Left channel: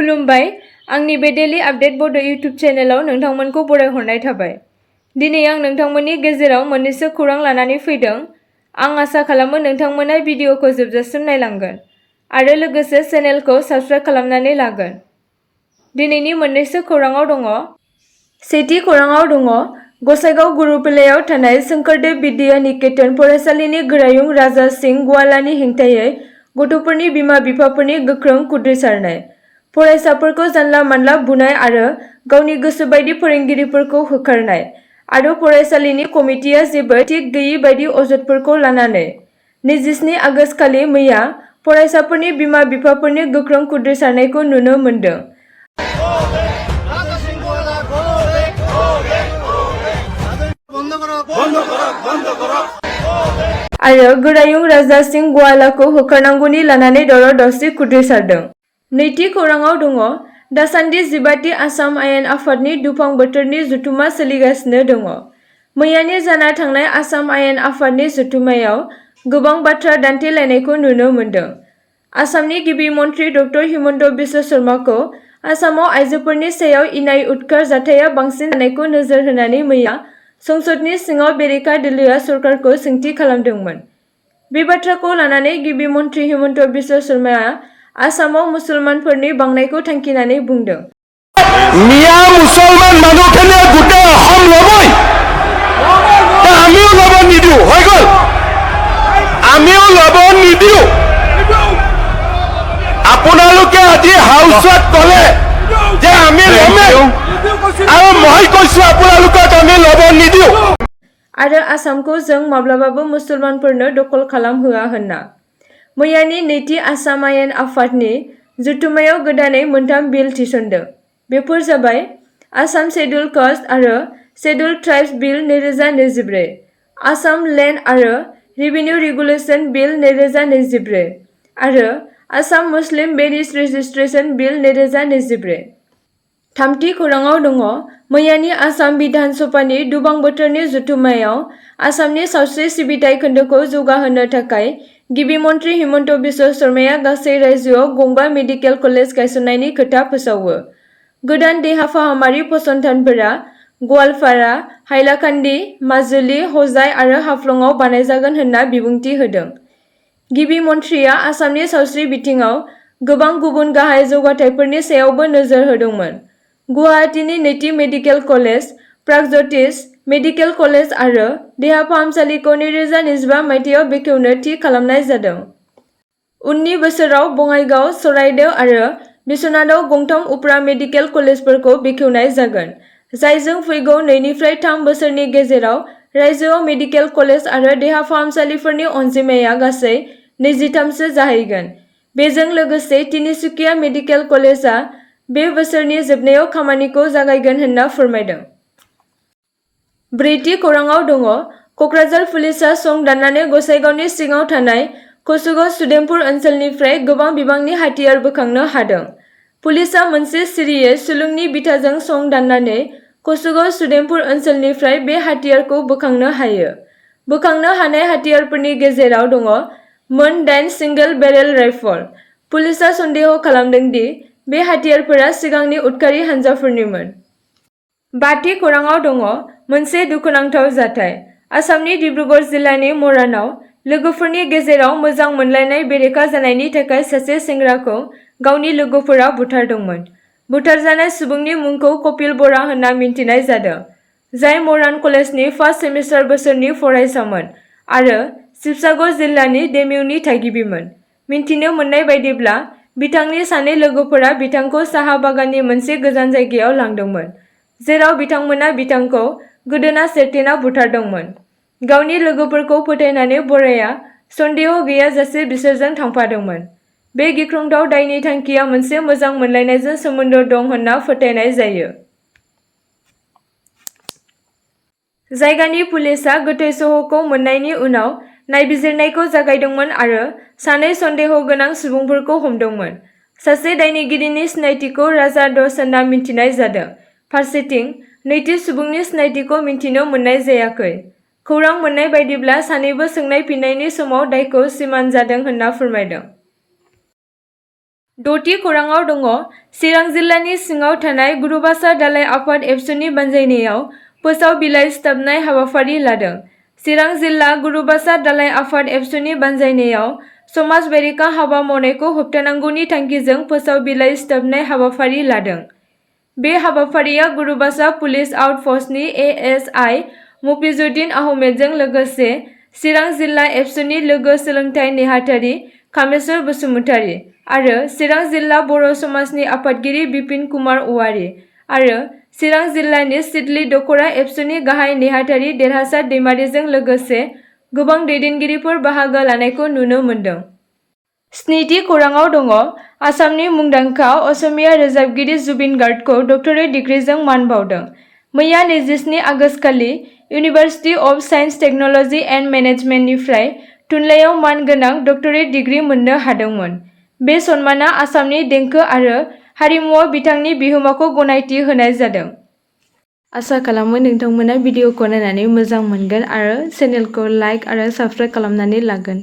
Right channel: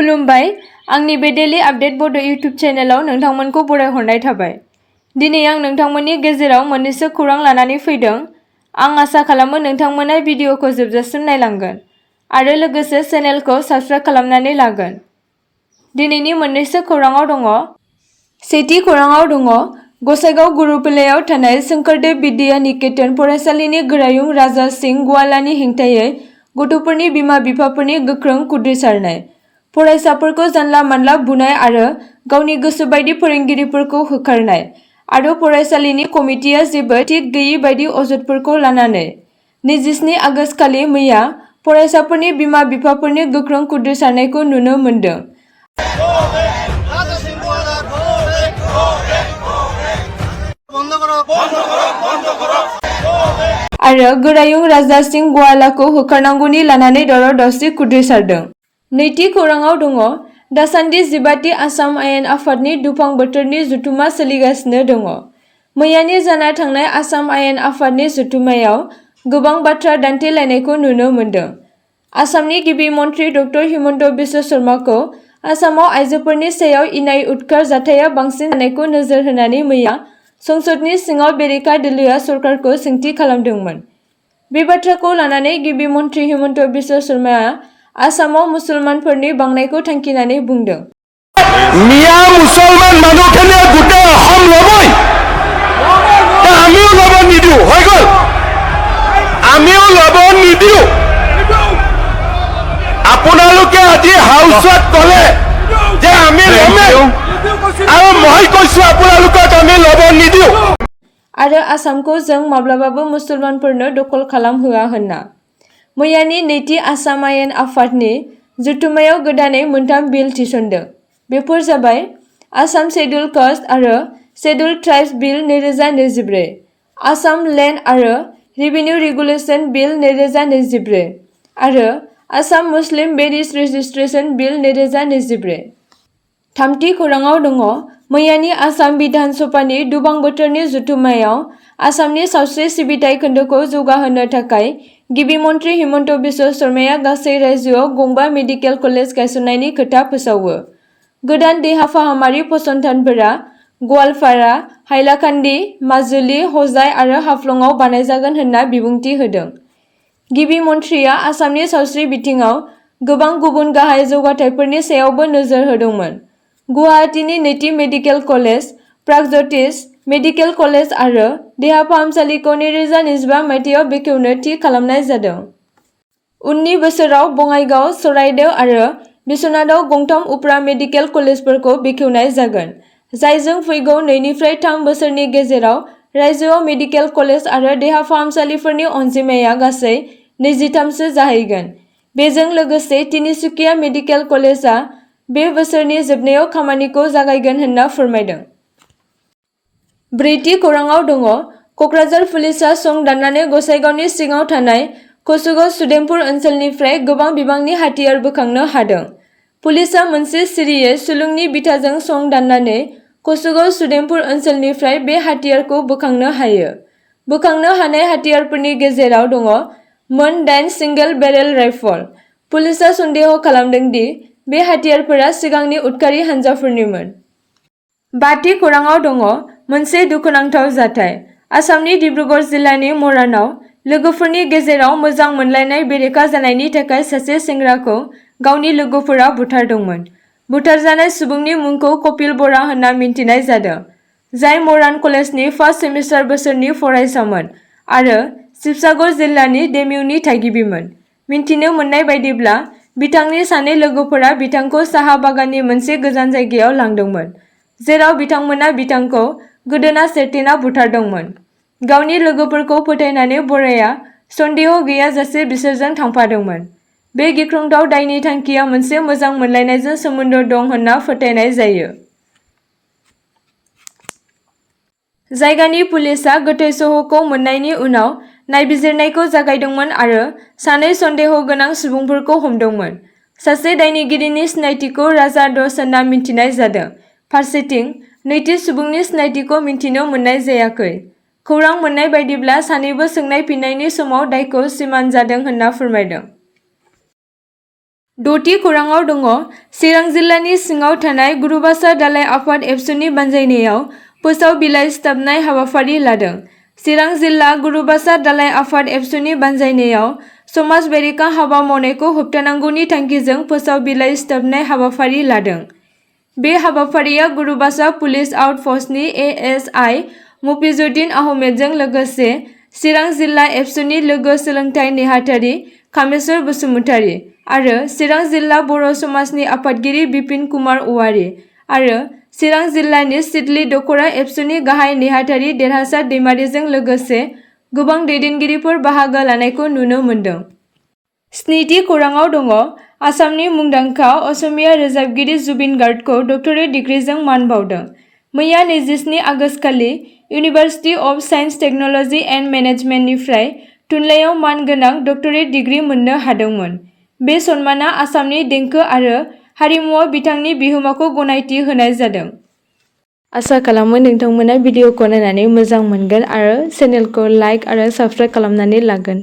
खुलुमबाय आंनि बे डेली आपडेट बड' इउटुब चेनेलाव नोंथांमोनखौ बरायहरनाय थाबाय। दिनै आं नोंथांमोननि गेजेराव मोननैसो खौरां लानानै फैदों। आं आसा खालामो नोंथांमोना भिडिअखौ जोबजासिम नायलांगोन आरो लोगोसे चेनेलखौ साबस्क्राइब खालामनानै लागोन। दिनैनि मोननैसो खौराङाव दङ। सेथि खौराङाव दङ गसाइगाव गुरुपलायाव थानाय शंकरदेव बिद्या निकेतन फरायसालिनि गोरायुं राजा सिं गवालानि हेंथायै गथ'फोरनि बिमा-बिफाफोरनि गोख्रों खुद्रिसारनाय। फरायसाफोरखौ जानला मानला बुनाय आरो गावनि गोसो बायदि फोरोंगिरिफोरखौ होखारनाय आरो फरायसालिनि कमिटिया जेबो थिक गैयि बायदि अजदफोरखौ लानानै 27 आगस्त खालि मैया फरायसाफोरनि बिमा-बिफाफोरनि गोख्रों खुद्रिसारनायखौ नुनो मोन्दों। आरो गोरायुं राजा सिं गवालाखौ होखारनांगौनि लानानै दावराव-दावसि खुद्रिसारदों। नैथि खौराङाव दङ दासान्दि 15थि आसाम आयेन आफादनि दुफां बोथोरनि जथुमा सोलिगासिनो दङ। मैयानि जाना थांनाय आसाम आयेन आफादनि जथुमायाव गोबां बाथ्रा दान्थेलायनायखौ नुनो मोन्दों। आसामनि गिबि मन्थ्रि ड हिमन्त बिश्व शर्माखौ आसामाव आइजोफोरनि सायाव इनाय उदखार जाथाया बांसिन जानायखौ नोजोर होनानै मैया संसदनि सिङाव बेरेखा दोलोआ सरकारखौ सोंथि खालामदोंमोन। बे बाथ्राखौ लानानै गिबि मन्थ्रि हिमन्त बिश्व शर्माया आसामाव मुसलमानफोरनि बांनायखौ थांखिनानै बुंदों। मिया मुसलमान मानुखने गोटे अहम लबई ता आमिও লব নিদিও হৈ গল আমিও লব নিদিও আপোনালোকে আজি হাউসত কলে যে আমি লমে আৰু মই কৈছো আপোনালোকক আমি লব নিদিও आरो आसामखौ जों माब्लाबाबो मुसलमानफोरनो दखल खालामहोआ होनना। मैयानि नैथि आसाम आयेन आफादनि जथुमायाव गोदानै मोनथाम बिल थिसनदों। बेफोर जाबाय आसाम शेड्युल कास्ट आरो शेड्युल ट्राइब्स बिल 2024, आसाम लेन्ड आरो रेभिनिउ रेगुलेशन बिल 2024 आरो आसाम मुस्लिम मेरिज रेजिस्ट्रेशन बिल 2024। थामथि खौराङाव दङ मैयानि आसाम बिधान सभानि दुफां बोथोरनि जथुमायाव आसामनि सावस्रि सिबिथाइ खोन्दोखौ जौगाहोनो थाखाय गिबि मन्थ्रि हिमन्त बिश्व शर्माया गासै रायजोआव गंबा मेडिकेल कलेज गायसननायनि खोथा फोसावो। गोदान देहा फाहामारि फसंथानफोरा गवालपारा, हाइलाकान्दि, माजुलि, हजाइ आरो हाफ्लंआव बानायजागोन होनना बिबुंथि होदों। गिबि मन्थ्रिया आसामनि सावस्रि बिथिङाव गोबां गुबुन गाहाय जौगाथायफोरनि सायावबो नोजोर होदोंमोन। गुवाहाटीनि नैथि मेडिकेल कलेज, प्रागज्यतिष मेडिकेल कलेज आरो देहा फाहामसालिखौ 2025 मायथाइयाव बेखेवनो थि खालामनाय जादों। उननि बोसोराव बङाइगाव, चराइदेव आरो बिश्वनाथआव गंथाम उफ्रा मेडिकेल कलेजफोरखौ बेखेवनाय जागोन, जायजों फैगौ 2 निफ्राय 3 बोसोरनि गेजेराव रायजोआव मेडिकेल कलेज आरो देहा फाहामसालिफोरनि अनजिमाया गासै 23सो जाहैगोन। बेजों लोगोसे तिनिसुकिया मेडिकेल कलेजआ बे बोसोरनि जोबनायाव खामानिखौ जागायगोन होनना फोरमायदों। ब्रैथि खौराङाव दङ कक्राझार पुलिसआ सं दाननानै गसाइगावनि सिङाव थानाय कसुगाव सुदेमपुर ओनसोलनिफ्राय गोबां बिबांनि हाथियार बोखांनो हादों। पुलिसआ मोनसे सिरियै सुलुंनि बिथाजों सं दाननानै कसुगाव सुदेमपुर ओनसोलनिफ्राय बे हाथियारखौ बोखांनो हायो। बोखांनो हानाय हाथियारफोरनि गेजेराव दङ मोन 8 सिंगेल बेरेल राइफल। पुलिसआ सन्देह खालामदों दि बे हाथियारफोरा सिगांनि उदखारि हानजाफोरनिमोन। बाथि खौराङाव दङ मोनसे दुखुनांथाव जाथाय। आसामनि डिब्रुगड़ जिल्लानि मरानाव लोगोफोरनि गेजेराव मोजां मोनलायनाय बेरेखा जानायनि थाखाय सासे सेंग्राखौ गावनि लोगोफोरा बुथारदोंमोन। बुथारजानाय सुबुंनि मुंखौ कपिल बरा होनना मिन्थिनाय जादों, जाय मरान कलेजनि फार्स्ट सेमिस्टार बोसोरनि फरायसामोन आरो शिबसागर जिल्लानि डेमिउनि थागिबिमोन। मिन्थिनो मोननाय बायदिब्ला बिथांनि सानै लोगोफोरा बिथांखौ साहा बागाननि मोनसे गोजान जायगायाव लांदोंमोन, जेराव बिथांमोना बिथांखौ गोदोना सेरथेना बुथारदोंमोन। गावनि लोगोफोरखौ फोथायनानै बराया सन्देह गैयाजासे बिसोरजों थांफादोंमोन। बे गिख्रंथाव दायनि थांखिया मोनसे मोजां मोनलायनायजों सोमोन्दो दं होनना फोथायनाय जायो। जायगानि पुलिसआ गोथै सह'खौ मोननायनि उनाव नायबिजिरनायखौ जागायदोंमोन आरो सानै सन्देह गोनां सुबुंफोरखौ हमदोंमोन। सासे दायनिगिरिनि सिनायथिखौ राजा दस होनना मिन्थिनाय जादों। फारसेथिं नैथि सुबुंनि सिनायथिखौ मिन्थिनो मोननाय जायाखै। खौरां मोननाय बायदिब्ला सानैबो सोंनाय फिननायनि समाव दायखौ सिमान जादों होनना फोरमायदों। द'थि खौराङाव दङ चिरां जिल्लानि सिङाव थानाय गुरुबासा दालाइ आफाद एबसुनि बानजायनायाव फोसाव बिलाइ सिथाबनाय हाबाफारि लादों। चिरां जिल्ला गुरुबासा दालाइ आफाद एबसुनि बानजायनायाव समाज बेरेखा हाबा मावनायखौ होबथानांगौनि थांखिजों फोसाव बिलाइ सिथाबनाय हाबाफारि लादों। बे हाबाफारिया गुरुबासा पुलिस आउटपस्टनि एएसआइ मफिजुद्दिन आहमेदजों लोगोसे चिरां जिल्ला एबसुनि लोगो सोलोंथाइ नेहाथारि कामेस्वर बसुमतारी आरो चिरां जिल्ला बर' समाजनि आफादगिरि बिपिन कुमार औवारी आरो चिरां जिल्लानि सिडली दख'रा एबसुनि गाहाय नेहाथारि देरहासार दैमारिजों लोगोसे गोबां दैदेनगिरिफोर बाहागो लानायखौ नुनो मोन्दों। स्निथि खौराङाव दङ आसामनि मुंदांखा असमिया रोजाबगिरि जुबिन गार्गखौ डक्टरेट डिग्रीजों मान बावदों। मैया 27 आगस्तखालि university of science technology and मेनेजमेन्टनिफ्राय थुनलाइयाव मान गोनां डक्टरेट डिग्री मोननो हादोंमोन। बे सन्माना आसामनि देंखो आरो हारिमुआव बिथांनि बिहोमाखौ गनायथि होनाय जादों। आसा खालामो नोंथांमोना भिडिअखौ नायनानै मोजां मोनगोन आरो चेनेलखौ लाइक आरो साबस्क्राइब खालामनानै लागोन।